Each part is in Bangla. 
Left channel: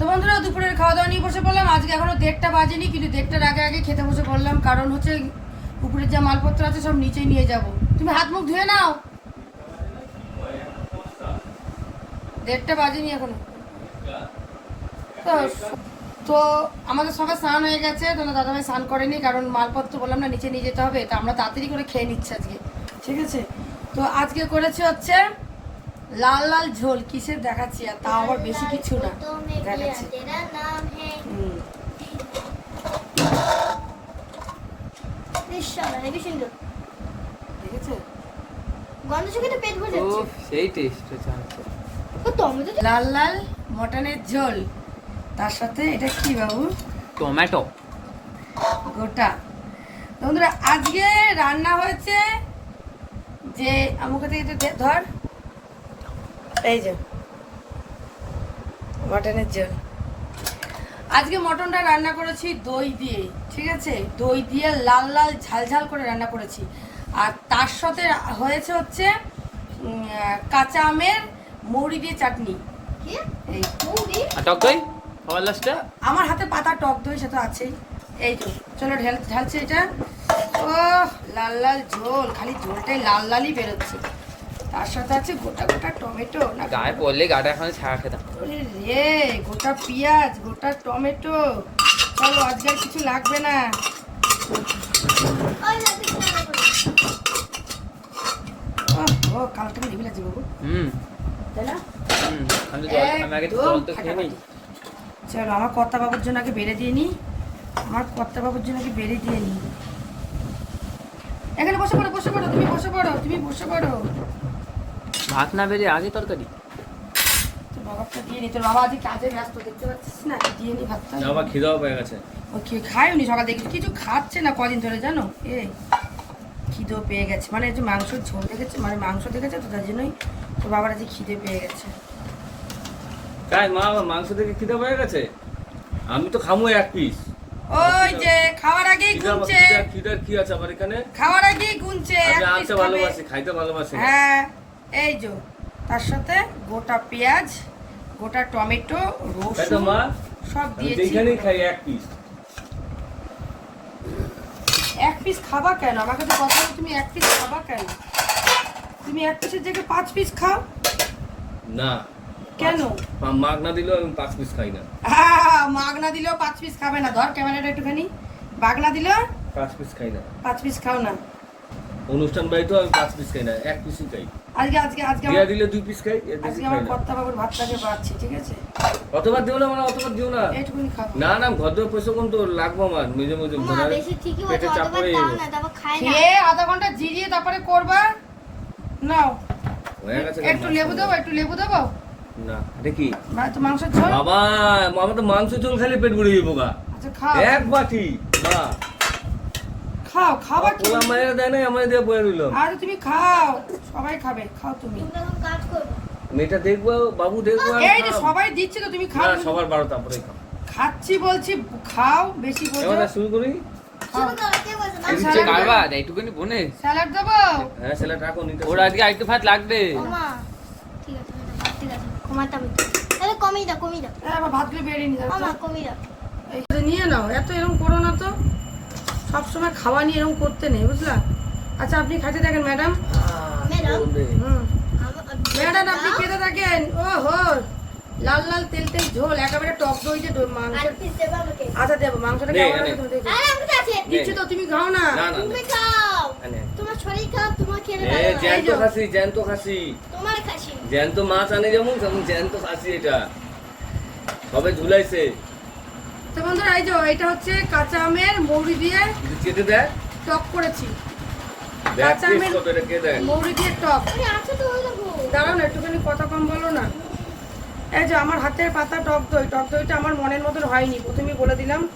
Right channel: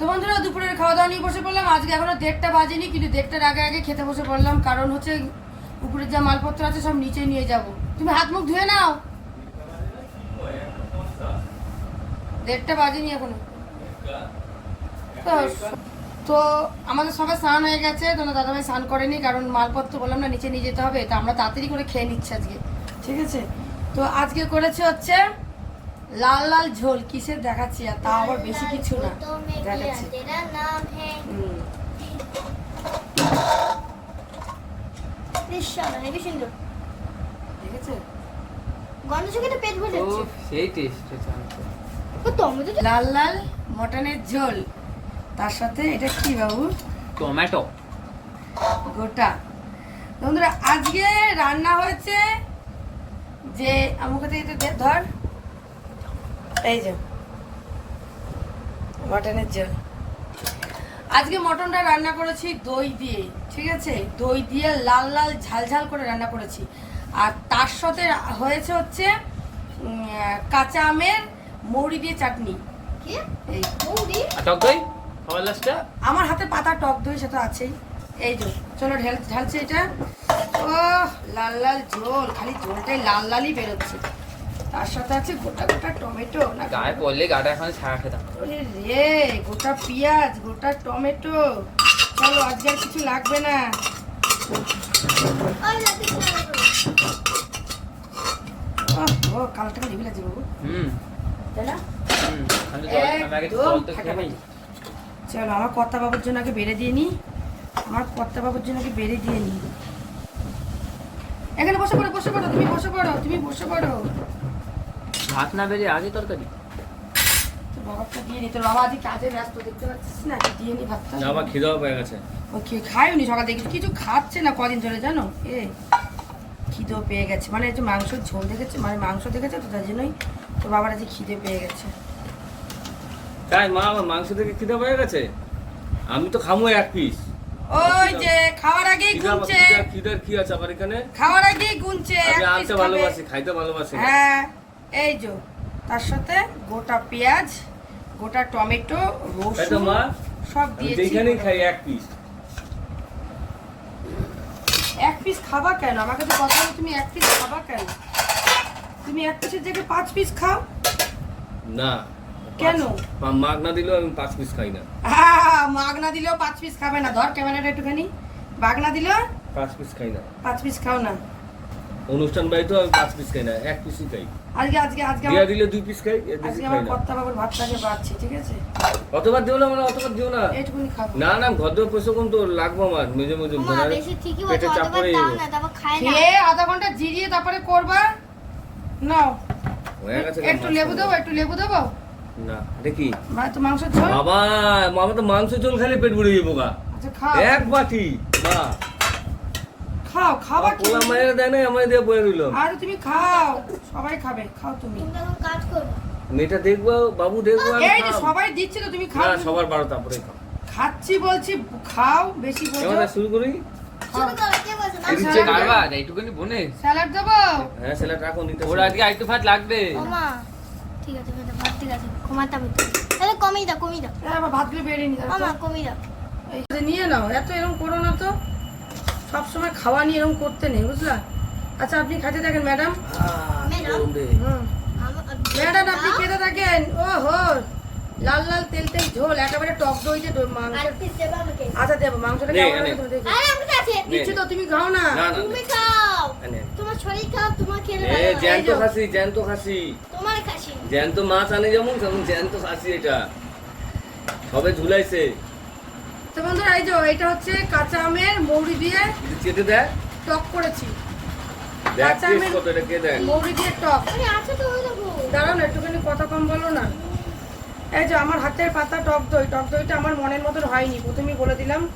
তো বন্ধুরা দুপুরের খাওয়া দাওয়া নিয়ে বসে পড়লাম। আজকে এখনও দেড়টা বাজেনি কিন্তু দেড়টার আগে আগে খেতে বসে পড়লাম। কারণ হচ্ছে উপরের যা মালপত্র আছে সব নিচে নিয়ে যাব। তুমি হাত মুখ ধুয়ে নাও। দেড়টা বাজেনি এখনও। তো তো আমাদের সবাই স্নান হয়ে গেছে। তোমার দাদাভাই স্নান করেনি কারণ মালপত্র বললাম না নিচে নিয়ে যেতে হবে। তা আমরা তাড়াতাড়ি করে খেয়ে নিচ্ছি আজকে। ঠিক আছে? তো আজকে করেছে হচ্ছে লাল লাল ঝোল কিসের দেখাচ্ছি আর তা আবার বেশি কিছু না দেখাচ্ছি। লাল লাল মটনের ঝোল তার সাথে এটা কি বাবু? টমেটো গোটা। বন্ধুরা আজকে রান্না হয়েছে যে আমাকে ধর। এই যে। মটনের ঝোল। আজকে মটনটা রান্না করেছি দই দিয়ে ঠিক আছে? দই দিয়ে লাল লাল ঝাল ঝাল করে রান্না করেছি। আর তার সাথে হয়েছে হচ্ছে কাঁচা আমের মৌরি দিয়ে চাটনি। আমার হাতে পাতা টক দই সেটা আছেই। এই তো চলো ঢেল ঢালছি এটা। ও লাল লাল ঝোল। খালি ঝোলটাই লাল লালই বেরোচ্ছে। তার সাথে আছে গোটা গোটা টমেটো না গায়ে পড়লে গাটা এখন ছাড়া খেতাম। রে গোটা পেঁয়াজ গোটা টমেটো। আজকে আর কিছু লাগবে না। ও ও কাল থেকে নিবি লাগছে বাবু। হুম। তাই না? চলো আমার কর্তা বাবুর জন্য আগে বেড়ে দিয়ে নি। আমার কর্তা বাবুর জন্য আগে বেড়ে দিয়ে নি। এখানে বসে পড়ো বসে পড়ো তুমি বসে পড়ো তুমি বসে পড়ো। ভাত না বেরিয়ে আগে তরকারি? বাবাকে দিয়ে নি তোর বাবা আজকে কাজে ব্যস্ত দেখতে পাচ্ছিস না? দিয়ে নি ভাতটা আমার খিদাও পেয়ে গেছে। ও কি খায়নি সকাল থেকে কিছু খাচ্ছে না কদিন ধরে জানো? এ খিদে পেয়ে গেছে। মানে যে মাংসের ঝোল দেখেছে মানে মাংস দেখেছে তো তার জন্যই তোর বাবার আজকে খিদে পেয়ে গেছে। তাই মা মাংস থেকে খিদা পেয়ে গেছে? আমি তো খামো এক পিস ওই যে খাওয়ার আগেই গুনছে। খিদার কি আছে আমার এখানে? খাওয়ার আগেই গুনছে আমি আনতে ভালোবাসি খাইতে ভালোবাসি। হ্যাঁ। এই যে তার সাথে গোটা পেঁয়াজ গোটা টমেটো রসুন সব দিয়েছি। এক পিস এক পিস খাবা কেন? আমাকে তো কথা তুমি এক পিস খাবা কেন? তুমি এক পিসের জায়গায় পাঁচ পিস খাও? না। কেন? পাঁচ- মাগ না দিলেও আমি পাঁচ পিস খাই না। আহ, মাগনা দিলেও পাঁচ পিস খাবে না। ধর ক্যামেরাটা একটুখানি। বাগনা দিলেও পাঁচ পিস খাই না। পাঁচ পিস খাও না। অনুষ্ঠান বাড়িতেও আমি পাঁচ পিস খাই না এক পিসই খাই। আজকে আজকে আজকে দিয়া দিলে দুই পিস খাই আজকে আমার কর্তা বাবুর ভাত লাগে পাচ্ছি ঠিক আছে? অতবার দিও না মানে অতবার দিও না। না না ঘর দিয়ে পয়সা কোন তো লাগবো আমার মেঝে মেঝে মা বেশি ঠিকই পেটে চাপ পড়ে দাও যাব। আধা ঘণ্টা জিরিয়ে তারপরে করবা। নাও। একটু লেবু। দেবো একটু লেবু দেবো? না দেখি। তো ঝোল? বাবা মামা তো মাংস ঝোল খালি পেট ভরে যাব গা। আচ্ছা এক বাটি না খাও খাবার কি পোলা মায়ের দেয় নাই আমায় দিয়ে বয়ে রইল। আরে তুমি খাও সবাই খাবে খাও তুমি। মেয়েটা দেখব বাবু দেখব এই যে সবাই দিচ্ছে তো তুমি খাও। না সবার বারো তারপরে খাচ্ছি বলছি খাও বেশি এবার শুরু করি? না আচ্ছা। স্যালাড দেবো? হ্যাঁ ছেলে রাখো নিতে ওর আজকে আরেকটু ভাত লাগবে। ঠিক আছে ঠিক আছে তোমারটা তাহলে কমিয়ে দাও কমিয়ে দাও। আমার ভাতগুলো বেরিয়ে নিয়ে যাও কমিয়ে দাও। নিয়ে নাও এত এরকম করো না তো। সবসময় খাওয়া নিয়ে এরকম করতে নেই বুঝলা? আচ্ছা আপনি খাতে থাকেন ম্যাডাম? ম্যাডাম? হুম। আমার ম্যাডাম আপনি খেতে থাকেন? ও হো লাল লাল তেল তেল ঝোল একেবারে টক দই যে দই- মাংস। আর পিস দেবো আমাকে। আচ্ছা দেবো মাংসটা আমি তো দিচ্ছি তো তুমি খাও না। তুমি খাও। তোমার শরীর খাও তোমার খেলে এ, ভালো। জ্যান্ত খাসি জ্যান্ত খাসি। তোমার খাসি। জ্যান্ত মাছ আনে যেমন তেমন জ্যান্ত খাসি এটা। সবে ঝুলাইছে। তো বন্ধুরা এই যে এটা হচ্ছে কাঁচা আমের মৌরি দিয়ে দেয়? টক করেছি। কাঁচা আমের- মৌরি দিয়ে টক। দাঁড়ান একটুখানি কথা কম বলো না। এই যে আমার হাতের পাতা টক দই টক দইটা আমার মনের মতন হয়নি প্রথমেই বলে দিলাম।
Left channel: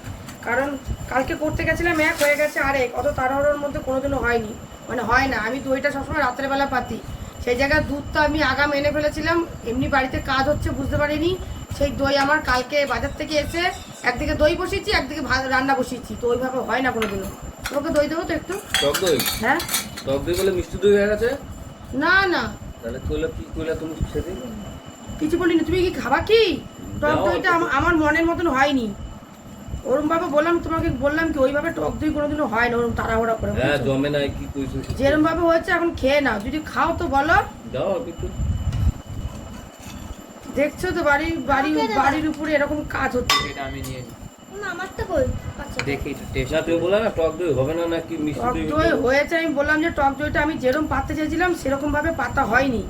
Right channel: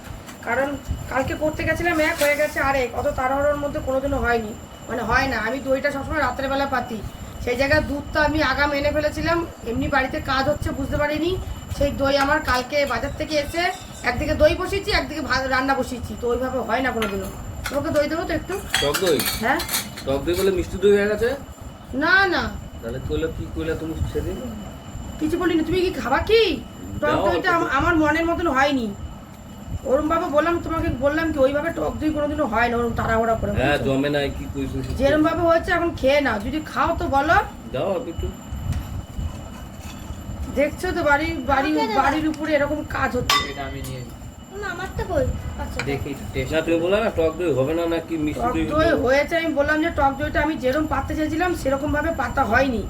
কারণ কালকে করতে গেছিলাম এক হয়ে গেছে আরেক অত তাড়াহুড়োর মধ্যে কোনোদিনও হয়নি। মানে হয় না আমি দইটা সবসময় রাত্রের বেলা পাতি। সেই জায়গায় দুধটা আমি আগাম এনে ফেলেছিলাম এমনি বাড়িতে কাজ হচ্ছে বুঝতে পারিনি। সেই দই আমার কালকে বাজার থেকে এসে একদিকে দই বসিয়েছি একদিকে ভাত রান্না বসিয়েছি। তো ওইভাবে হয় না কোনোদিনও। তোমাকে দই দেবো তো একটু? টক দই? হ্যাঁ। টক দই বলে মিষ্টি দই হয়ে গেছে? না না। তাহলে কইলা কি কইলা তুমি খেতে কিছু বলিনি। তুমি কি খাবা কি? টক দইটা আমার মনের মতন হয়নি। ওরম ভাবে বললাম তোমাকে বললাম কি ওইভাবে টক দই কোনোদিনও হয় না ওরম তাড়াহুড়া করে। হ্যাঁ জমে নাই কি কইছিস যেরম ভাবে হচ্ছে এখন খেয়ে না যদি খাও তো বলো। দাও একটু দেখছ তো বাড়ি বাড়ি বাড়ির উপরে এরকম কাজ হচ্ছে। এটা আমি নিয়ে না আমারটা কই আচ্ছা। দেখি একটু টেস্ট না টক দই হবে না নাকি মিষ্টি টক দই দই হয়েছে আমি বললাম যে টক দইটা আমি যেরকম পাততে চেয়েছিলাম সেরকম ভাবে পাতা হয়নি।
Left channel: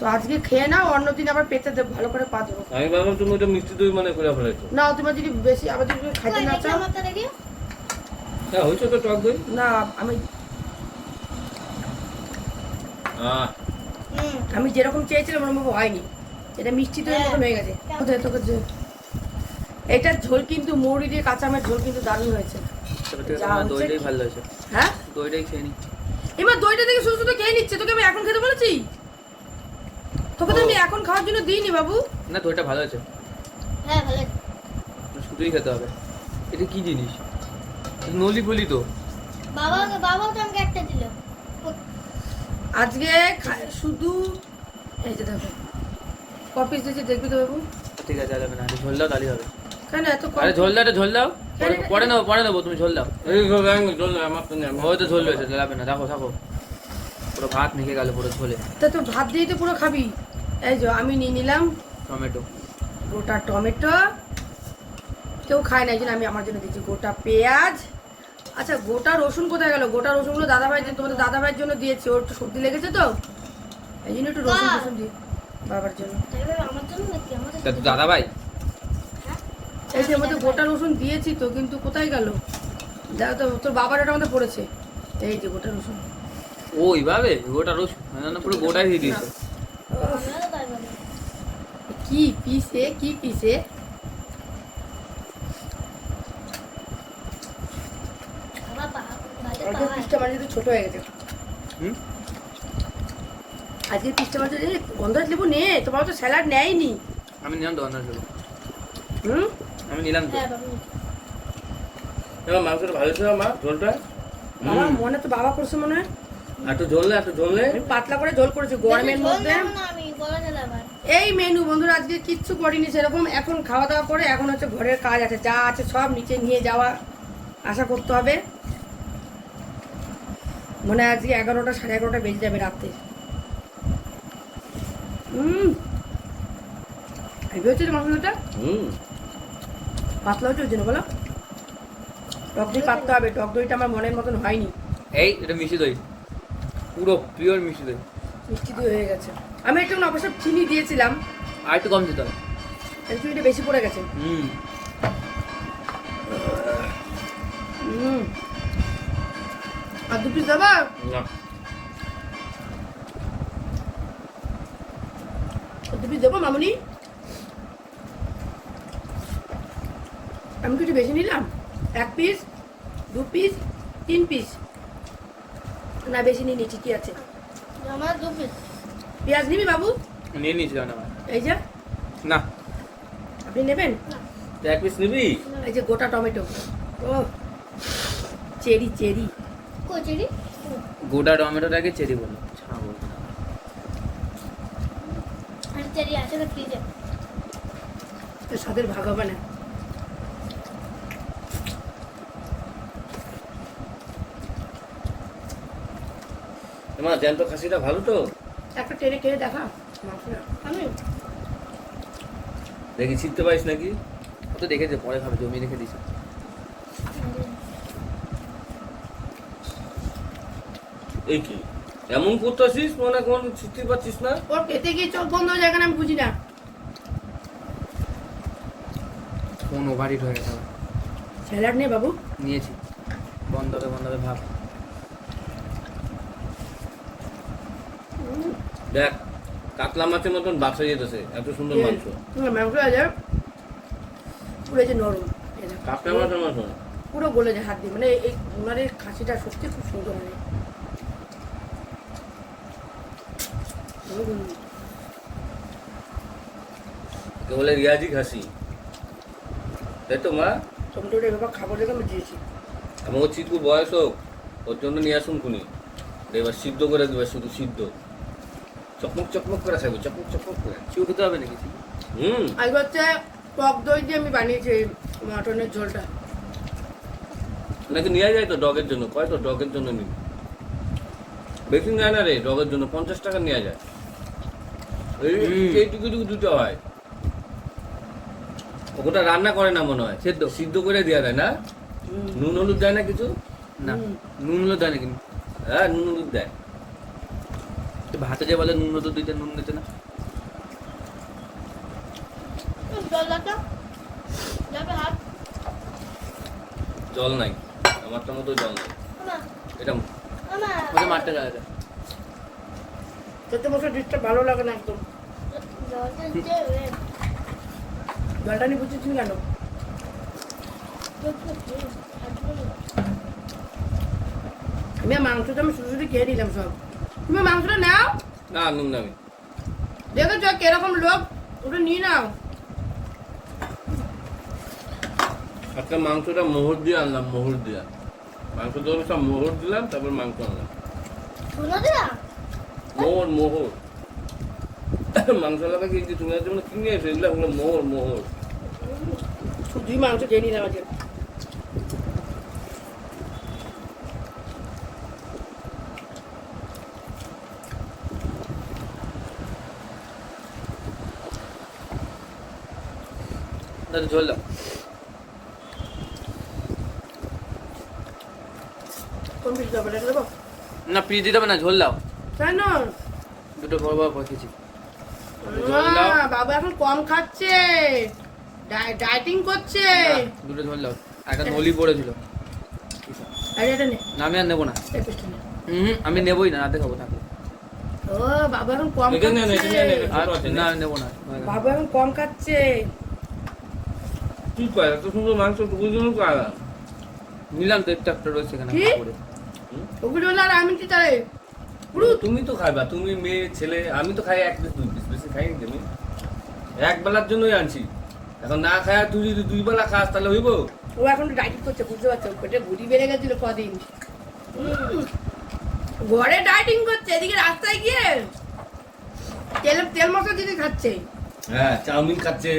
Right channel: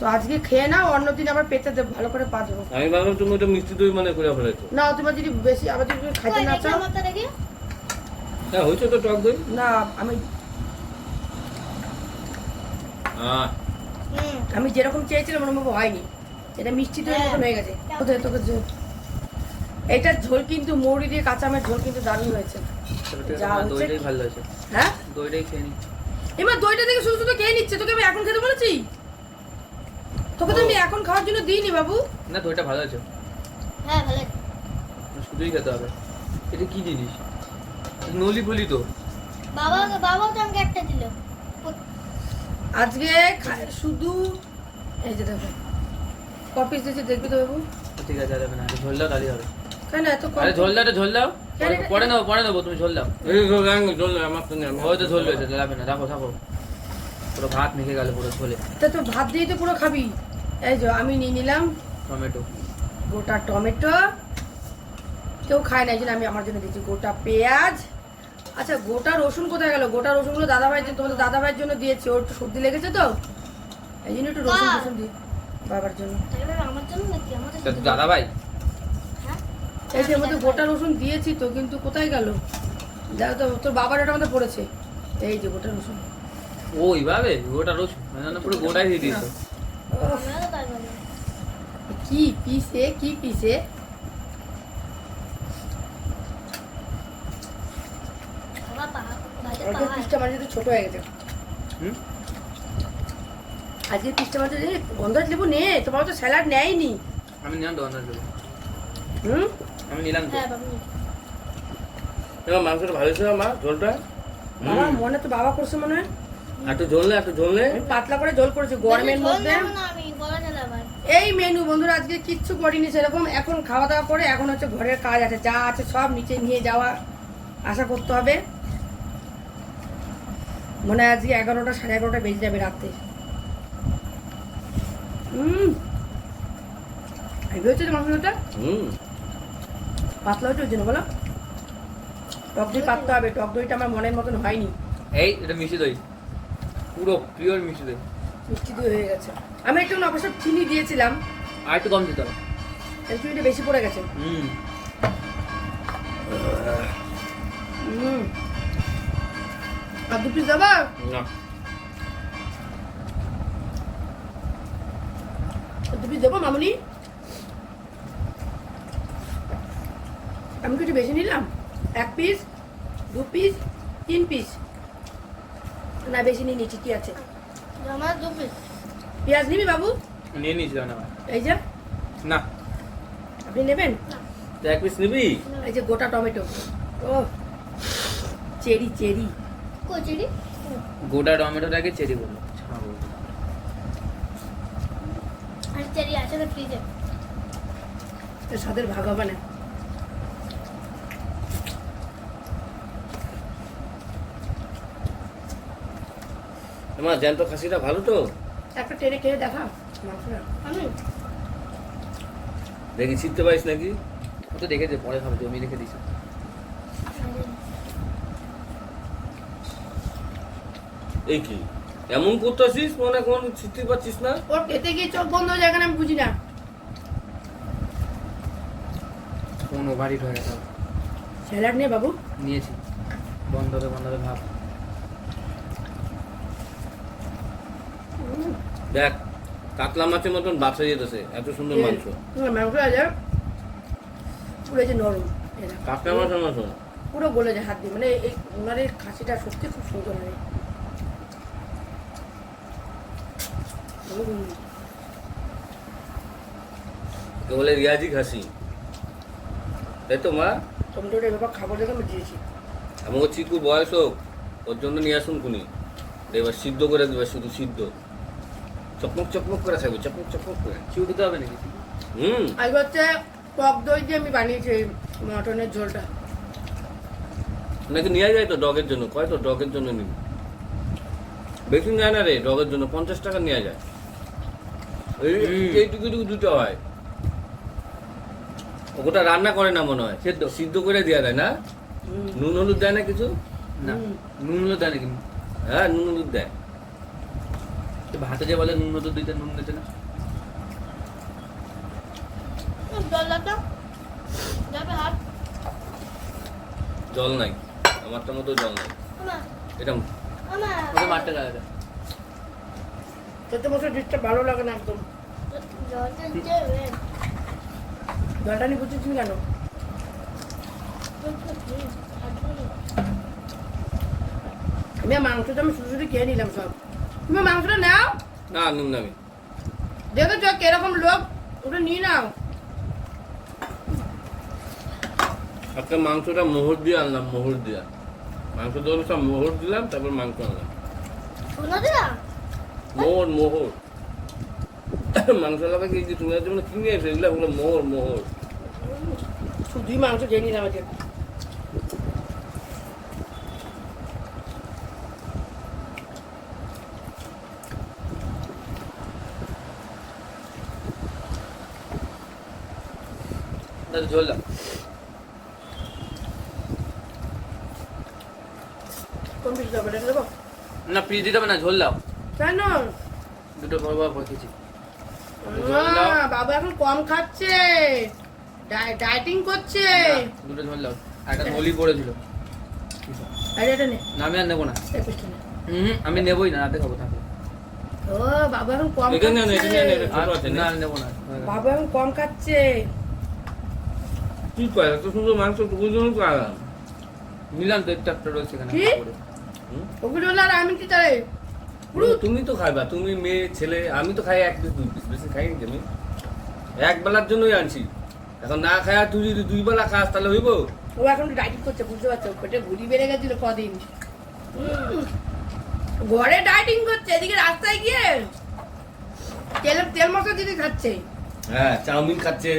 তো আজকে খেয়ে নাও অন্যদিন আবার পেতে দেবো ভালো করে পা দেবো। আমি ভাবলাম তুমি ওটা মিষ্টি দই মানে করে ফেলেছো। না তোমার যদি বেশি আবার যদি খাইতে না চাও হ্যাঁ হয়েছে তো টক দই? না আমি হ্যাঁ আমি যেরকম চেয়েছিলাম ওরকম হয়নি। এটা মিষ্টি দই হ্যাঁ। হয়ে গেছে। কোথায় তোকে যে এটার ঝোল কিন্তু মৌরি দিয়ে কাঁচা আমের ঝোল কিন্তু দারুণ হয়েছে। দইটাই ভালো হয়েছে। হ্যাঁ? দইটাই খেয়ে নি এবার দইটা থেকে শুধু শুধু খেয়ে নিচ্ছে। তোকে আমি এখন খেতে বলেছি? তোকে তো আমি এখন খাওয়ার জন্য দিইনি বাবু। না দইটা ভালো হয়েছে। হ্যাঁ ভালো শুধুই খেতে হবে। এটা কি জিনিস? নলি ফলি তো। বাবা বাবাও তো আমাকে একটা দিল। আজকে শুধু এই যে দেখো। কপিস দিয়েছে দেখবি তো বাবু। ঠিক আছে যাবে না। ঝোল দাও তাহলেই হবে। কেন এত কম? আরে ঝোল দাও ঝোল দাও। কেন এটা- পরে নেব পরে নেব তুমি ঝোল দাও। এই তো দেখ, চল না, আমার তো নেই, আমি- হয়তো ঝোল হয়েছে যাবে না রাখো থাকো পুরো ভাত মেখে গেল পুরো ঝোলে। তা তো ভাত দিয়ে তো পুরো খাবি। এই যে আমি নিয়ে নিলাম টমেটো। গোটা টমেটো। কেউ খায় না এই জন্য আমি আমার জন্য দিচ্ছি গোটা পেঁয়াজ। আচ্ছা গোটা রসুন কোথায় গেল? গোটা রসুনগুলো দাদা ভাইয়ের জন্য তোমাদের দাদা ভাইয়ের জন্য দিয়েছি ওর একটু সর্দি লেগেছে তো? এই জন্য একটু রসুন রসুন দিই। বাবার জন্য। আমার জন্য নাকি আমাদের তা তো দাদা ভাই হ্যাঁ এই যে মধ্যে গোটা রসুন দিয়েছি তো কিন্তু কোথায় গেল? দেখো তো তোর বাবার এটা মধ্যে পড়েছে। এই যে গোটা রসুন। ও এইভাবে? গোটা রসুন? মানে না পুরো গোটাই দিয়ে দিয়েছ। কি পিসে কি পিসে? মানে একটু ছোট হয়ে গেছে। হুম? আজকে পিসটা মানে যে গন্ধরাজ লেবু নে তোমার তো স্যালাড নেয়নি। আমি নিলাম অন্য লোক। হুম? আমি নিলাম হ্যাঁ বাবু। এবার মাংসটা ভালো ছিল মা ঝোলটা? আমার মনে তো বাবা করছে মনে হয়। একটু ঝোল নে একটু ঝোল নে। আমি পাতলা করে ঝোল করেছি গরমের মধ্যে। আমি বড় ঝোল আবার এই মেনু বন্ধুরা আজকে কিচ্ছু করিনি সেরকম। এখন খাওয়া দাওয়া করে এখন হচ্ছে ঘরের কাজ আছে যা আছে সব নিচে নিয়ে যাওয়া আশা করতে হবে। মনে হয় আজকে এগারোটা সাড়ে এগারোটা বেজে যাবে রাত্রে। হুম। হেভি হচ্ছে মাংসটা? হুম। পাতলা হচ্ছে ওই জন্য বলো। টক দই পাততে হবে টক দইটা আমার মনের মতন হয়নি। এই এটা মিষ্টি দই। পুরো পিওর মিষ্টি দই। মিষ্টি দিয়ে হয়ে গেছে। আমি একটু অবশ্য চিনি দিয়েছিলাম। আর একটু কম দিতে হবে। চিনিটা বেশি পড়ে গেছে। হুম। হুম। আর দু পিস দেবা না। পিস দেবো মামুনি? আমি কিছু বেশি নিলাম? এক পিস দু পিস তিন পিস না বেশি নিয়ে নিচ্ছি কি আছে। আমার দু পিস পেঁয়াজ নিবি বাবু? নিয়ে নিয়েছিলাম এই যে। না। আপনি নেবেন? এক পিস নিবি? এই যে গোটা টমেটো। ও চেরি চেরি। কচুরি? গোটা টমেটোটাকে চেরি বলো। আর আছে তো ফ্রিজে তো স্বাদের ভাগ হবে না। তোমার জ্যান্ত খাসিটা ভালো তো? একটা টেনে টেনে দেখা। আমি? দেখি শিখতে পারিস নাকি? ও তো দেখেছে পরে খাব জমি রেখে দিছি এই কি? এমন করতেছিস মনে কোন শিখতে পারছিস না? ওর পেতে গিয়ে চোখ বন্ধ হয়ে যায় কেন আমি বুঝি না। ফোন ওভারহিট হয়ে গেছে। স্যালাড নিয়ে বাবু। নিয়েছি। বন্ধ করে বন্ধ করে ভাত। দেখ কাতলা মাছের মতন বাছা যেতেছে এত সুন্দর মাংস। মাংস আছে পুরো যে নরম। কাতলা মাছের মতন। পুরো গলে যায় হাত দিয়ে। মানে এই ওনাদের খাসিটা সত্যি খুব সুন্দর হয়। বলে রিয়াজি খাসি। তাই তো মা? টমেটোটা এবার খাবার দেখে আমি দিয়েছি। ও চিকুর বয়স হোক ওর জন্য নিয়ে আসুন খুনি। এবার সিদ্ধ করে দেবে শুধু সিদ্ধ। চকমক চকমক করে খাবি চকমক চকমক করে। চিউ দিতে হবে নাকি হুম। আজকে হচ্ছে টক দই দিয়ে আমি বানিয়েছি মাটনের ঝোলটা। নাকি নিয়ে যায় তো ডগের জন্য? কয় তো ডগের জন্য নিবি? বেশি নেয় না রে ডগের জন্য। পঞ্চাশ টাকা নেওয়া যায়। এইটুকু দুটো হয়। ওটা রান্না করে না মনে হয়? সেদ্ধ। সিদ্ধ করে দেওয়া যায় না? নুন হলুদ দেয় না কিছু? না নুন হলুদ দেয় না কিন্তু। হ্যাঁ নুন হলুদ দেয়। তো ভাতে যে বলে নুন হলুদ দিতে নুন দিতে না? জল নাই। আমারটার মতো জল নাই। এটা আমার মারতে যায় চোদ্দ বছর ডিশটা ভালো লাগে না একদম। জলটা নিয়ে বুঝেছি কেন? আমি মাংসটা আমি শুধু শুধু খেয়ে নিলাম সব। তুমি মাংসটা নাও। না নুন আমি। দেখেছ কীরকম লোক ওটা নিয়ে নাও। আজকে মাংসটা মোহর দিয়ে আনলাম মোহর দিয়া। মাংস ধরো সব মোহর দিলাম তারপর মাংস আনলাম। শোনো দিলা মোহর মোহর। মাংস লাগা কি তুমি তুমি কিনে এসে এগুলো ওগুলো মোহর মোহর। শুধুই মাংস খেয়ে নিলাম আজকে। ঝোল দাও কোন পিস দেবো? না পিস দিতে হবে না ঝোল দাও। কেন? দুটো বড় বড় বাবা এখন কম খাচ্ছে। ডায়েটিং করছে। দুটো দাও। একটা নলি পড়েছিল। আমি আর নেব না। আমি নেবোই না রাতে খাব ও বাবা এখন কম খাচ্ছে। নে। নেব না। বাবা এখন কম খাচ্ছে। কি কয় এত সুন্দর মাংস টুকুর জন্য পালাম নিলাম তো একটা রয়েছে এখানে কি? আর আমি কি তাহলে পুরো তুমি তো খাইবা তুমি মেয়ে ছেলে আমি তো খাই এক পিস দুই পিস বেশি খাই আমি। এক বেলার জন্যই আনছি। এখন না খায়া তুই যদি দুই বেলা খাস তাহলে হইব? ও এখন ডায়েটিং করছে বুঝতে পারছ? পেটে ভুড়ি বেড়ে গেছিল কদিন। ঘরে ডায়েটিং করছে এদিকে রাস্তায় গিয়ে তেল তেল মশলা দিদি খাচ্ছে। হ্যাঁ চাউমিন খাচ্ছে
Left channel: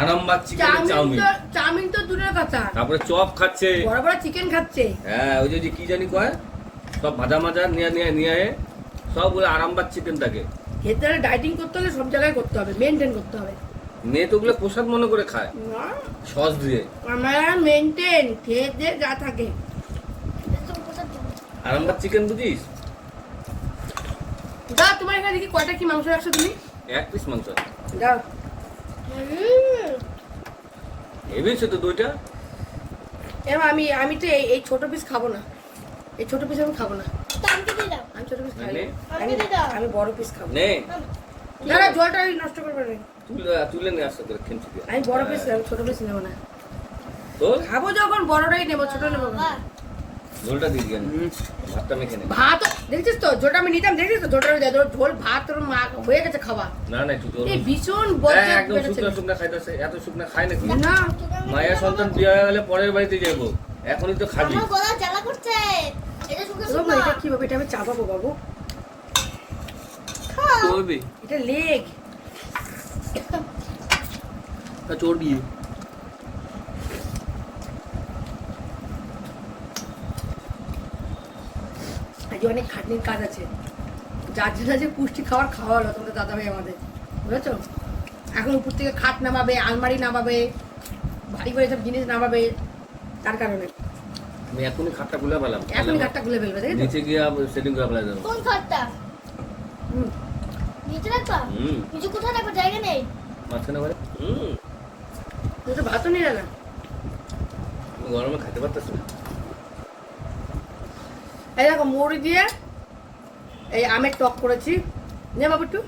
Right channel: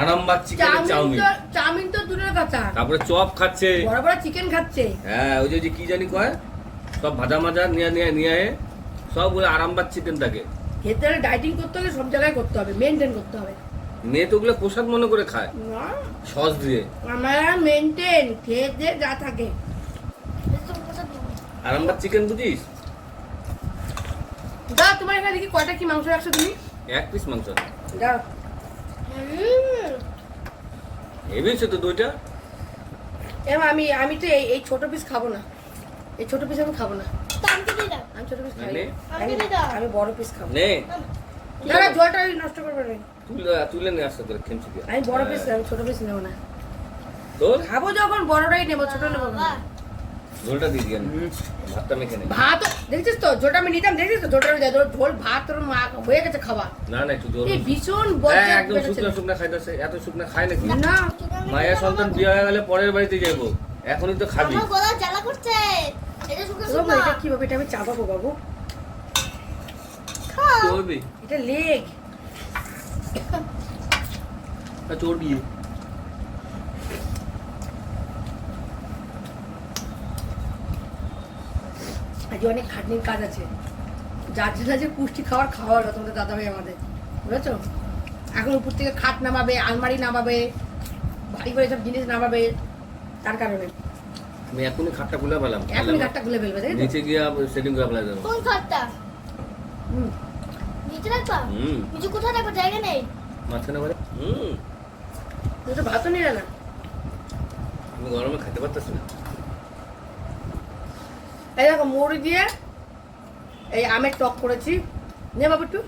আরামবাগ চিকেনের চাউমিন চাউমিন। তো দূরের কথা। তারপরে চপ খাচ্ছে। বড় বড় চিকেন খাচ্ছে। হ্যাঁ ওই যে কি জানি কয়? সব ভাজা মাজা নিয়ে নিয়ে নিয়ে সব ওই আরামবাগ চিকেন থাকে খেতে ডায়েটিং করতে হলে সব জায়গায় করতে হবে মেনটেন করতে হবে। মেয়ে তো ওগুলো প্রসাদ মনে করে খায়। না, সস দিয়ে। আমরা মেনটেন খেয়ে দিয়ে যা থাকে। আরামবাগ চিকেন বুঝিস? দাও তোমার এখানে দেখি কয়টা কি মাংস রাখছো তুমি? এক পিস মাংস। দাও হেভি তো দুইটা। আমি আমি তো এই এই ছোট পিস খাব না। এই ছোট পিস আমি খাব না। আমি ছোট পিস আমি বড় খাব। নে। দাদা জলটা আমি নষ্ট করব না। তুলে তুলে নিয়ে আসতে তোর খেমচি দিয়ে। আমি বড় পিস আমি ছোট পিস নেব না। তো খাব যখন বড়টাই নেব ছোট নেব না। ঝোলটা দিয়ে দিয়ে ভাতটা মেখে নে ভাত দেখছিস তো? জোটা আমি নিতাম দেখছিস তো? জোটা দেয় ঝোল ভাত তোর মা হয়ে গেছে খাওয়া। না না একটু এই ভীষণ বজ্জে একদম শুকনো শুকনো খাইতেছে এত শুকনো খায় নাকি? না। মায়ের সন্তান বিয়ে হয়ে গেলে পরের বাড়িতে যাব। এখনই তো খাবি। আমার গলা জ্বালা করছে। এটা এটা আমি বাবু। চর্বি এটা লেগ। চর্বি আজকে অনেক খাটনির কাজ আছে। যার জন্য যে পুষ্টি খাবার খাওয়া হলো তোমাদের দাদা ভাই আমাদের। বুঝেছ? এখন উপর থেকে খাট নামাবে আলমারি নামাবে ভারী করে সব জিনিস নামাবে তার কারণে। আমি এখনই খাটটা গুলা পেলাম এখনই খাটটা খুলে ফেলবে তাই তো? নিচে গিয়ে সেটিং করে ফেলা যাব কোন খাটটা? হুম। নিচে রাখবা হুম। নিচে কোথায় রাখব জায়গা নেই। মাঝখানে বলে। হুম। তুই তো ভাতও নিলে না। গরমে খেতে পারতেছ না। এই দেখো মুড়ি দিয়ে এই আমের টক করেছি। নে বাবু একটু।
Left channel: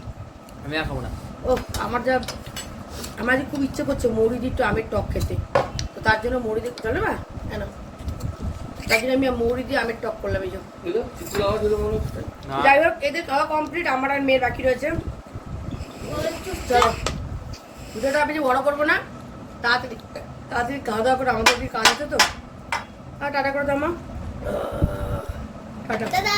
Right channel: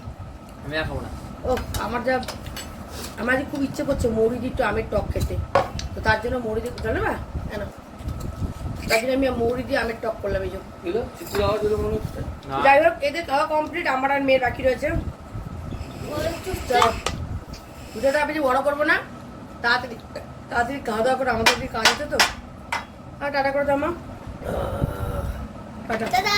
আমি আর খাব না। ও আমার যা আমার যে খুব ইচ্ছে করছে মুড়ি দিয়ে একটু আমের টক খেতে। তো তার জন্য মুড়ি দিয়ে চলে না কেন তার জন্য আমি মৌরি দিয়ে আমের টক করলাম এই যে। মনে যাই হোক এদের খাওয়া কমপ্লিট আমার আর মেয়ে বাকি রয়েছে। আমি ভিডিওটা বেশি বড় করব না। তাড়াতাড়ি তাড়াতাড়ি খাওয়া দাওয়া করে আমাদের কি কাজ আছে তো। আর টাটা করে দাও মা। টাটা।